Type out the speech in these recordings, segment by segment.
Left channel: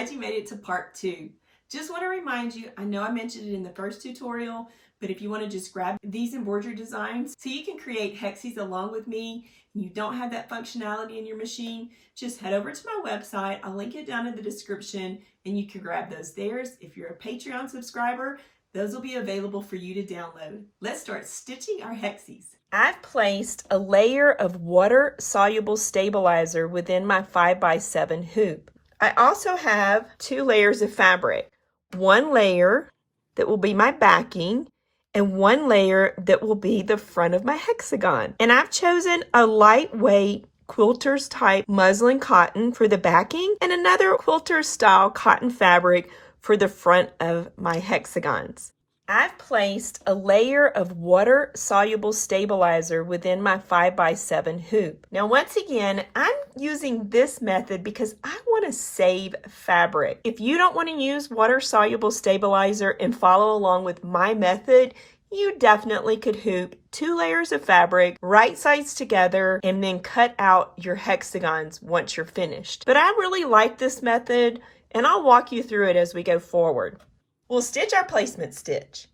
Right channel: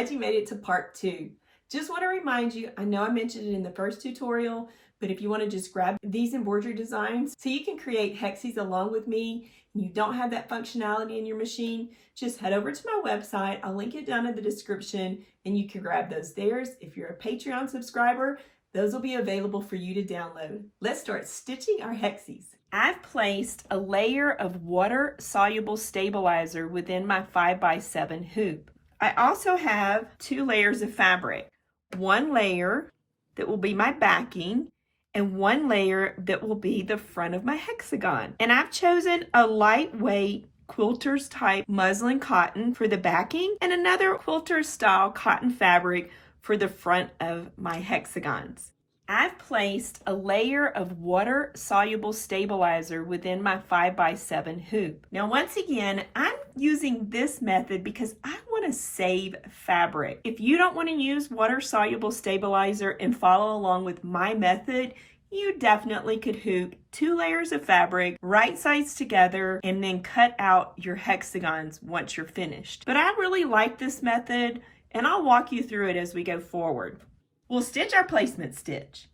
glad you made it to part 2. Just want to remind you, I know I mentioned it in the first tutorial, but if you want to just grab these embroidery designs so you can create hexies along with me, and you don't have that functionality in your machine, just head over to my website. I'll link it down in the description and you can grab those there. If you're a Patreon subscriber, those will be available for you to download. Let's start stitching our hexies. I've placed a layer of water-soluble stabilizer within my 5x7 hoop. I also have 2 layers of fabric. One layer that will be my backing and one layer that will be the front of my hexagon. And I've chosen a lightweight quilters type muslin cotton for the backing and another quilter style cotton fabric for the front of my hexagons. I've placed a layer of water-soluble stabilizer within my 5x7 hoop. Now once again, I'm using this method because I want to save fabric. If you don't want to use water-soluble stabilizer and follow along with my method, you definitely could hoop 2 layers of fabric, right sides together, and then cut out your hexagons once you're finished. But I really like this method, and I'll walk you through it as we go forward. We'll stitch our placement stitch.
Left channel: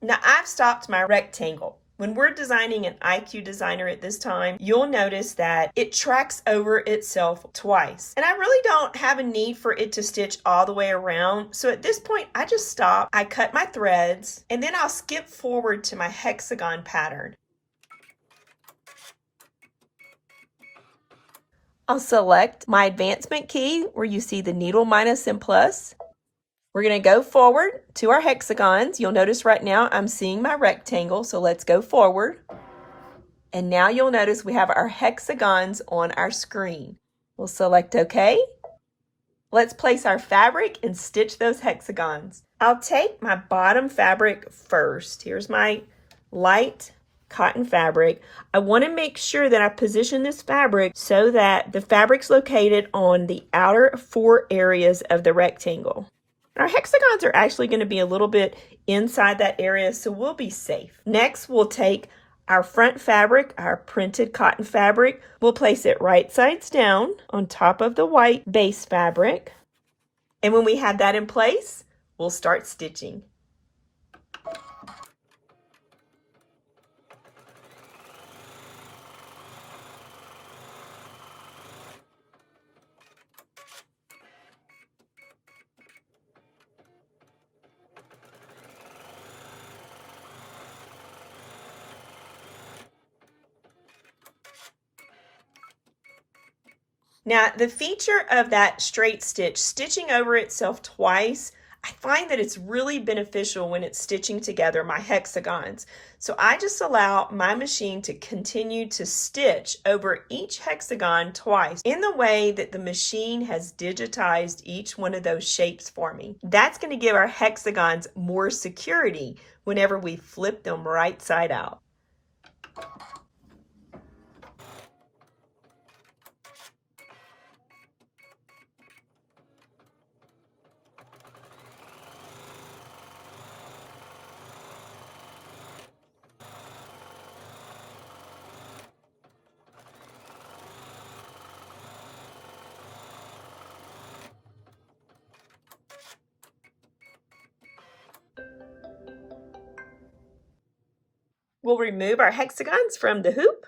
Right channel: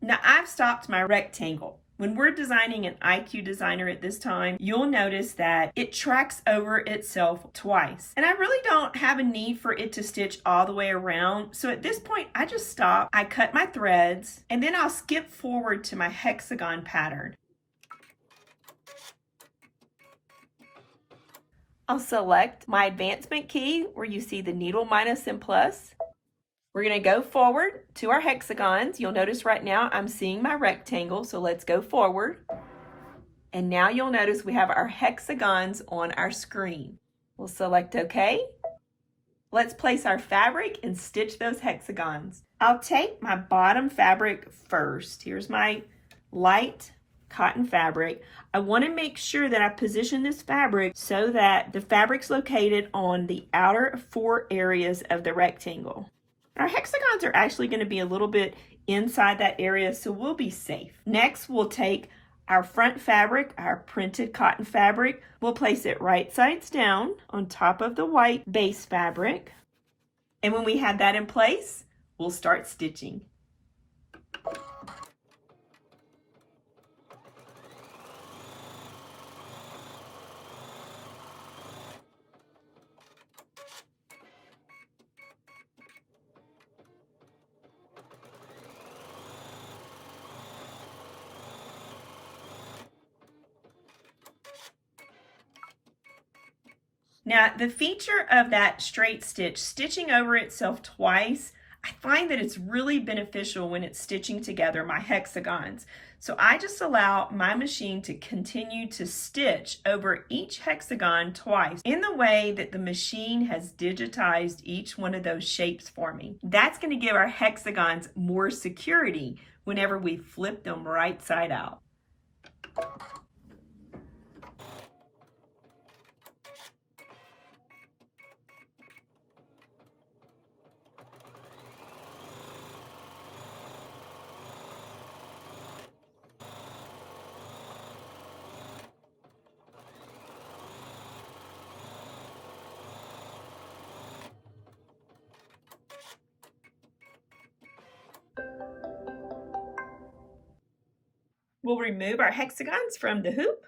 Now I've stopped my rectangle. When we're designing an IQ designer at this time, you'll notice that it tracks over itself twice. And I really don't have a need for it to stitch all the way around. So at this point, I just stop, I cut my threads, and then I'll skip forward to my hexagon pattern. I'll select my advancement key where you see the needle minus and plus. We're going to go forward to our hexagons. You'll notice right now I'm seeing my rectangle, so let's go forward. And now you'll notice we have our hexagons on our screen. We'll select OK. Let's place our fabric and stitch those hexagons. I'll take my bottom fabric first. Here's my light cotton fabric. I want to make sure that I position this fabric so that the fabric's located on the outer 4 areas of the rectangle. Our hexagons are actually going to be a little bit inside that area, so we'll be safe. Next, we'll take our front fabric, our printed cotton fabric. We'll place it right sides down on top of the white base fabric. And when we have that in place, we'll start stitching. Now, the feature of that straight stitch, stitching over itself twice, I find that it's really beneficial when it's stitching together my hexagons. So I just allow my machine to continue to stitch over each hexagon twice in the way that the machine has digitized each one of those shapes for me. That's going to give our hexagons more security whenever we flip them right side out. We'll remove our hexagons from the hoop.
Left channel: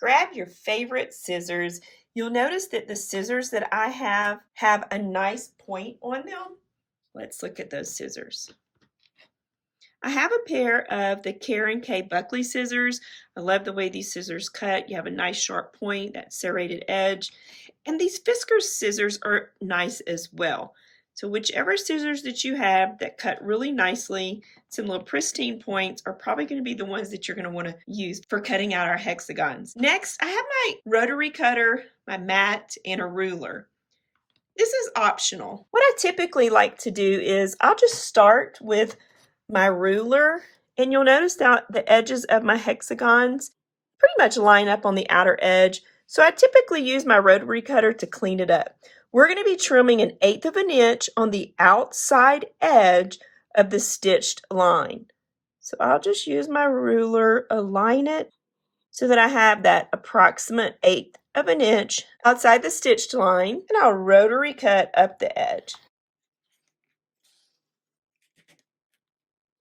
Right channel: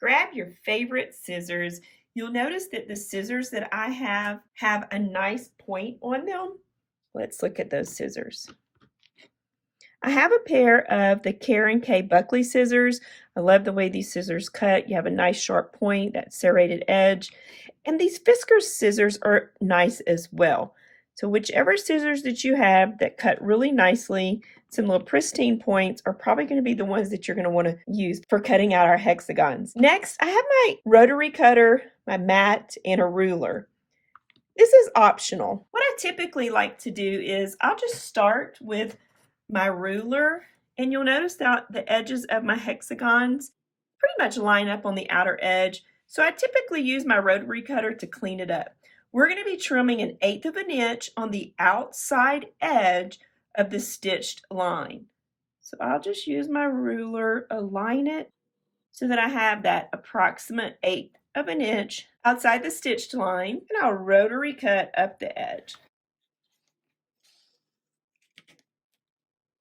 Grab your favorite scissors. You'll notice that the scissors that I have a nice point on them. Let's look at those scissors. I have a pair of the Karen K Buckley scissors. I love the way these scissors cut. You have a nice sharp point, that serrated edge. And these Fiskars scissors are nice as well. So whichever scissors that you have that cut really nicely, some little pristine points are probably going to be the ones that you're going to want to use for cutting out our hexagons. Next, I have my rotary cutter, my mat, and a ruler. This is optional. What I typically like to do is I'll just start with my ruler, and you'll notice that the edges of my hexagons pretty much line up on the outer edge. So I typically use my rotary cutter to clean it up. We're going to be trimming 1/8 of an inch on the outside edge of the stitched line. So I'll just use my ruler, align it so that I have that approximate 1/8 of an inch outside the stitched line, and I'll rotary cut up the edge.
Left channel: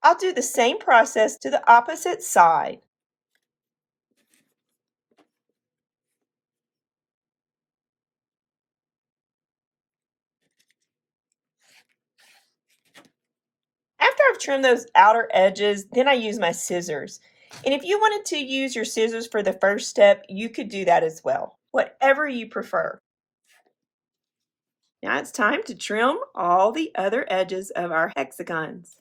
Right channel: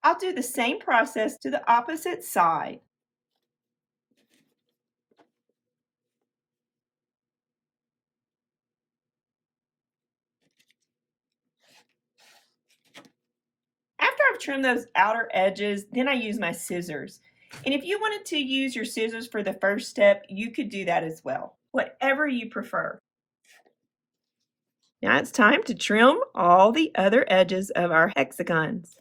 I'll do the same process to the opposite side. After I've trimmed those outer edges, then I use my scissors. And if you wanted to use your scissors for the first step, you could do that as well, whatever you prefer. Now it's time to trim all the other edges of our hexagons.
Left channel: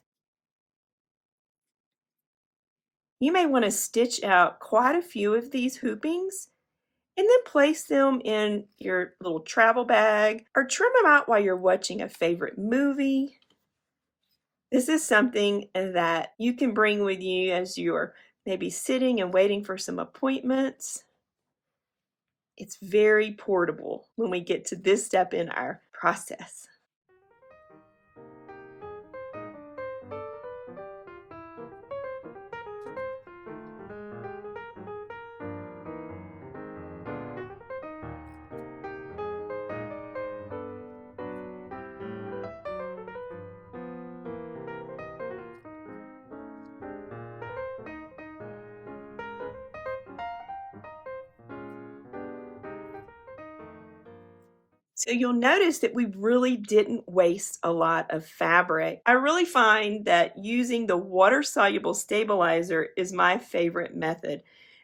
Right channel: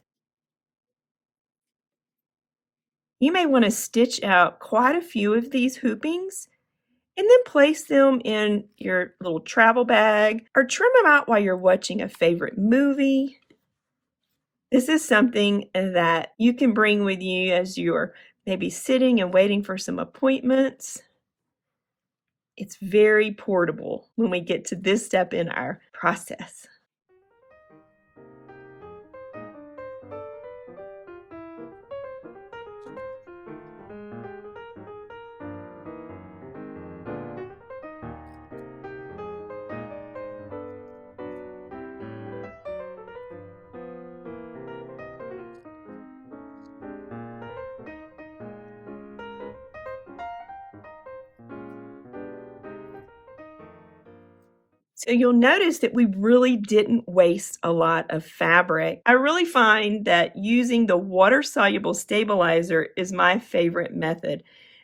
You may want to stitch out quite a few of these hoopings and then place them in your little travel bag or trim them out while you're watching a favorite movie. This is something that you can bring with you as you're maybe sitting and waiting for some appointments. It's very portable when we get to this step in our process. So you'll notice that we really didn't waste a lot of fabric. I really find that using the water-soluble stabilizer is my favorite method.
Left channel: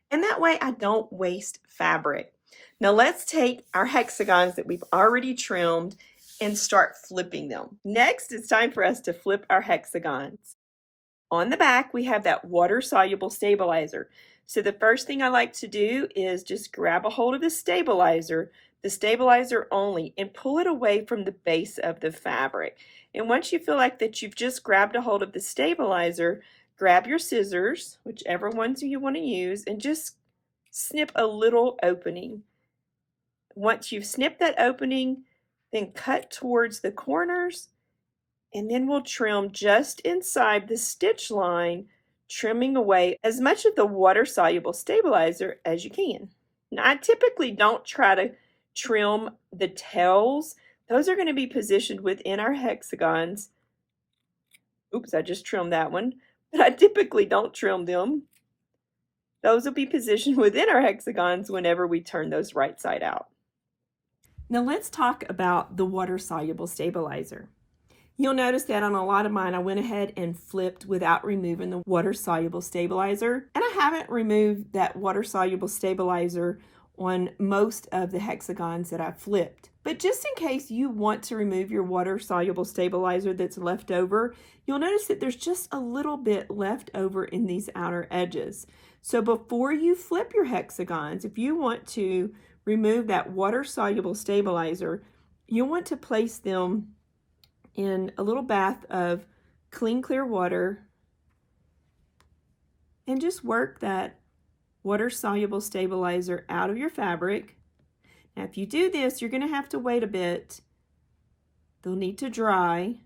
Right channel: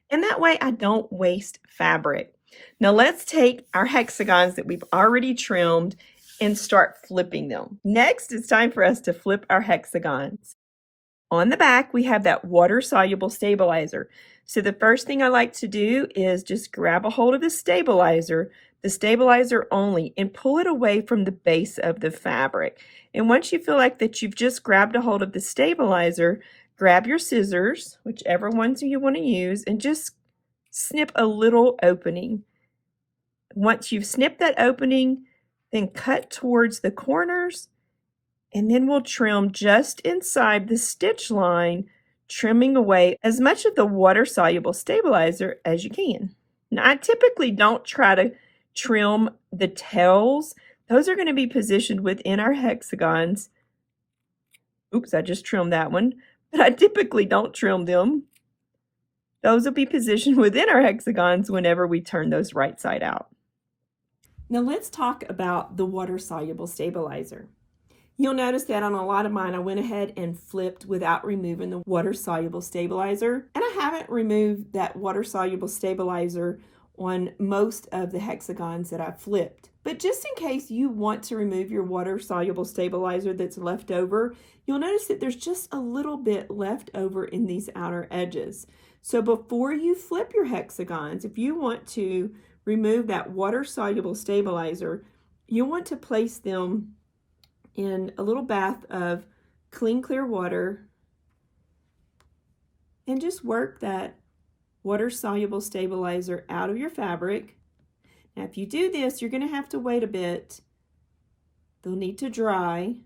And that way I don't waste fabric. Now let's take our hexagons that we've already trimmed and start flipping them. Next, it's time for us to flip our hexagons. On the back, we have that water-soluble stabilizer. So the first thing I like to do is just grab a hold of the stabilizer only, and pull it away from the base of the fabric. And once you feel like that you've just grabbed a hold of the stabilizer, grab your scissors, whichever ones you want to use, and just snip a little opening. Once you've snipped that opening, then cut towards the corners, and then we'll trim just inside the stitch line, trimming away as much of the water-soluble stabilizer as you can. Now, I typically don't try to trim the tails. Those are going to be positioned within our hexagons. Oops, I just trimmed that one, but I typically don't trim them. Those will be positioned within our hexagons whenever we turn those right side out. Now let's talk about the water-soluble stabilizer. You'll notice that on a lot of mine, I went ahead and flipped without removing the water-soluble stabilizer. And I haven't removed that water-soluble stabilizer on most of the hexagons that I've flipped. But just in case you want to remove your water-soluble stabilizer that's left over, you'll notice that there's just a little bit left over in these outer edges. So before you flip your hexagons, if you want to remove that water-soluble stabilizer, you'll want to place them in a little bath of clean, clear water and just work that water-soluble stabilizer out of your fabric. Now, if you do this, you're going to have to wait a bit. They'll need to dry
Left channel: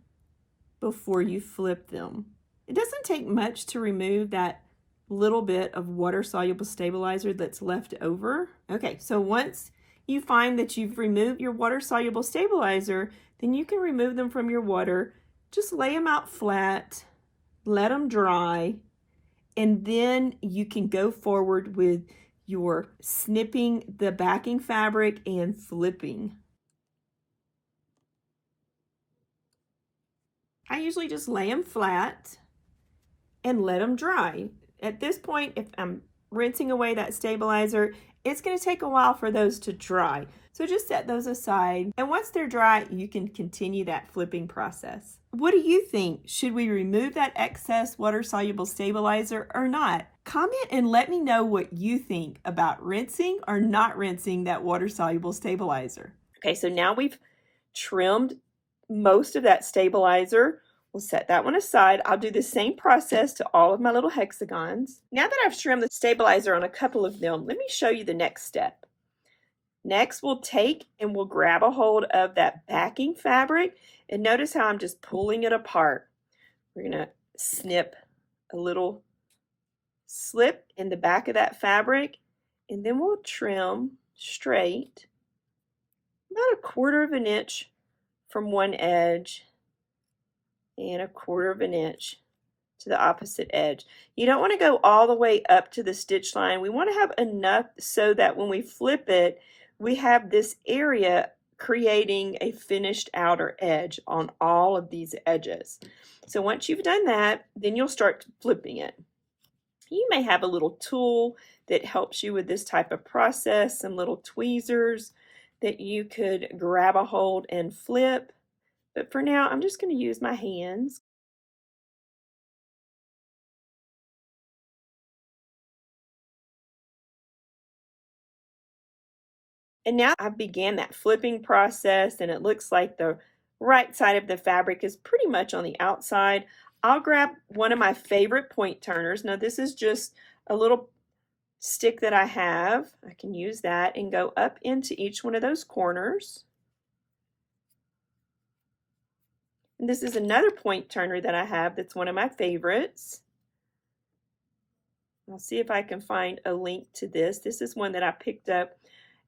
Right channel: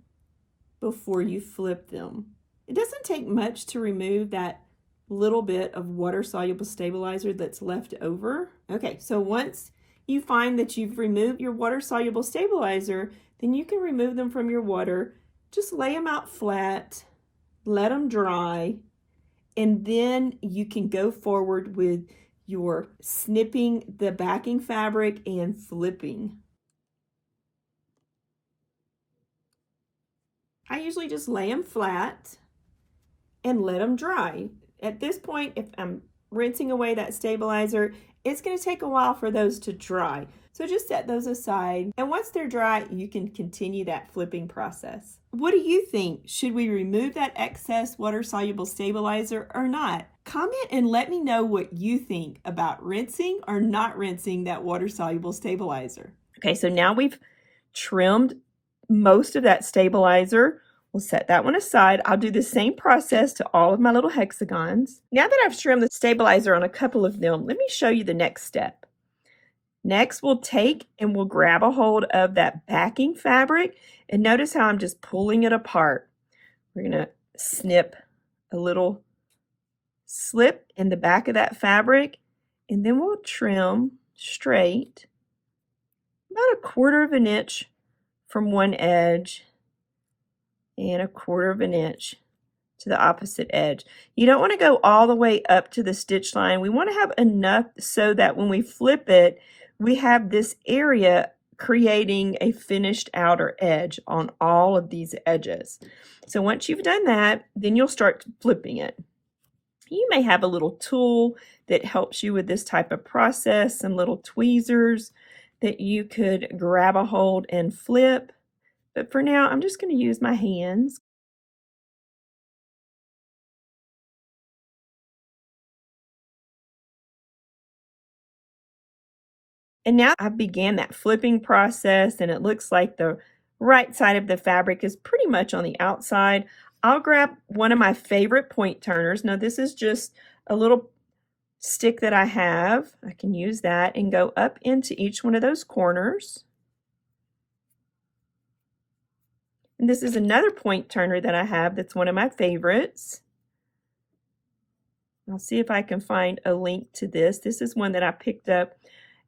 before you flip them. It doesn't take much to remove that little bit of water-soluble stabilizer that's left over. Okay, so once you find that you've removed your water-soluble stabilizer, then you can remove them from your water. Just lay them out flat, let them dry, and then you can go forward with your snipping the backing fabric and flipping. I usually just lay them flat and let them dry. At this point, if I'm rinsing away that stabilizer, it's going to take a while for those to dry. So just set those aside. And once they're dry, you can continue that flipping process. What do you think? Should we remove that excess water-soluble stabilizer or not? Comment and let me know what you think about rinsing or not rinsing that water-soluble stabilizer. Okay, so now we've trimmed most of that stabilizer. We'll set that one aside. I'll do the same process to all of my little hexagons. Now that I've trimmed the stabilizer on a couple of them, let me show you the next step. Next, we'll take and we'll grab a hold of that backing fabric, and notice how I'm just pulling it apart. We're going to snip a little slip in the back of that fabric, and then we'll trim straight about 1/4 of an inch from one edge and 1/4 of an inch to the opposite edge. You don't want to go all the way up to the stitch line. We want to have enough so that when we flip it, we have this area creating a finished outer edge on all of these edges. So once you've done that, then you'll start flipping it. You may have a little tool that helps you with this type of process, some little tweezers that you could grab a hold and flip. But for now, I'm just going to use my hands. And now I began that flipping process, and it looks like the right side of the fabric is pretty much on the outside. I'll grab one of my favorite point turners. Now this is just a little stick that I have. I can use that and go up into each one of those corners. And this is another point turner that I have that's one of my favorites. I'll see if I can find a link to this. This is one that I picked up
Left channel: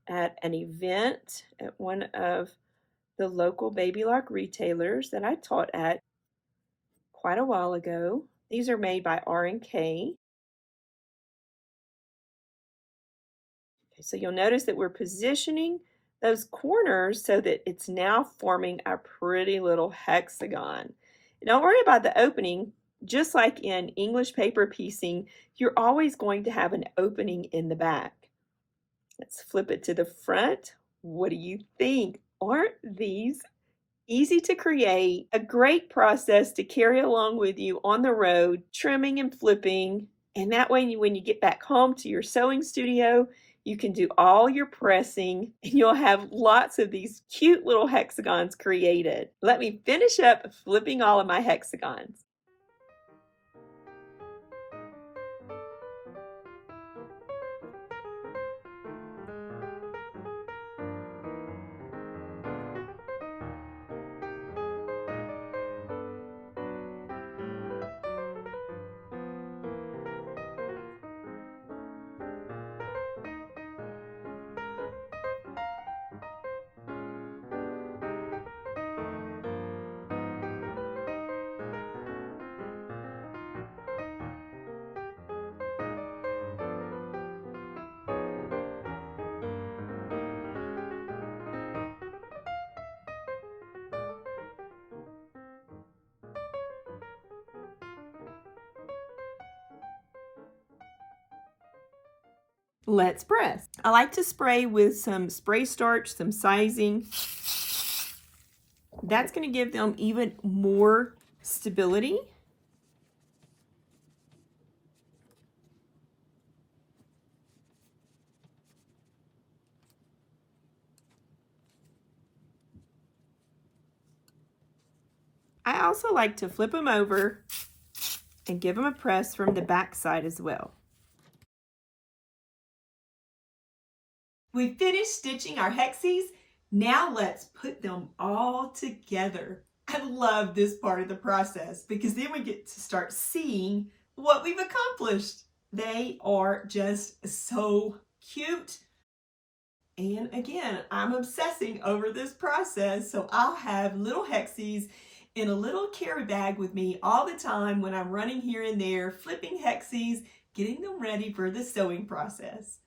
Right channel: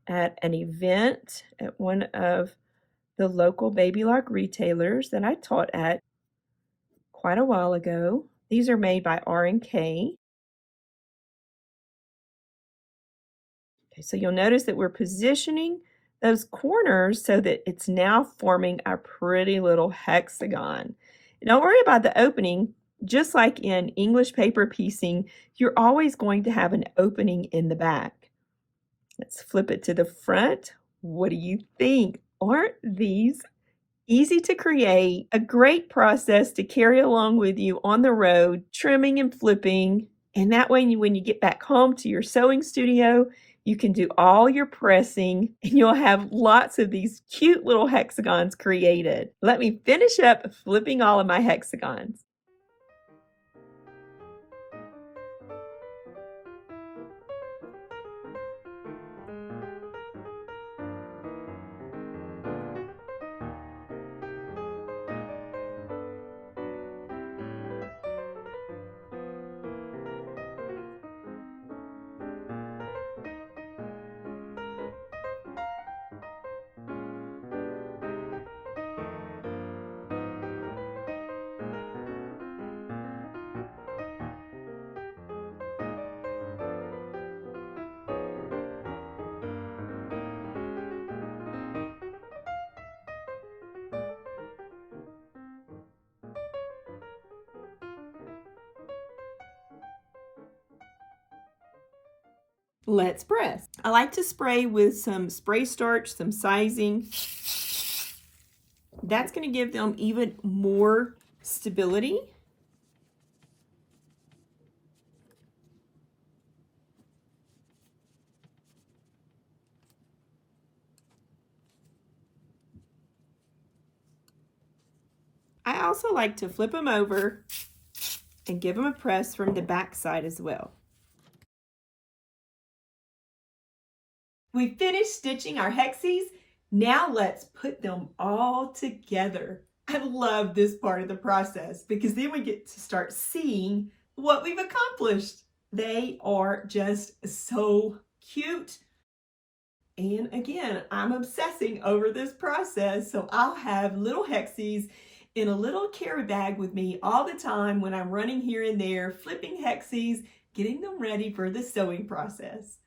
at an event at one of the local baby lock retailers that I taught at quite a while ago. These are made by R&K. Okay, so you'll notice that we're positioning those corners so that it's now forming a pretty little hexagon. And don't worry about the opening. Just like in English paper piecing, you're always going to have an opening in the back. Let's flip it to the front. What do you think? Aren't these easy to create? A great process to carry along with you on the road, trimming and flipping. And that way, when you get back home to your sewing studio, you can do all your pressing and you'll have lots of these cute little hexagons created. Let me finish up flipping all of my hexagons. Let's press. I like to spray with some spray starch, some sizing. That's going to give them even more stability. I also like to flip them over and give them a press from the back side as well. We finished stitching our hexies. Now let's put them all together. I love this part of the process because then we get to start seeing what we've accomplished. They are just so cute. And again, I'm obsessing over this process, so I'll have little hexies in a little carry bag with me all the time when I'm running here and there, flipping hexies, getting them ready for the sewing process.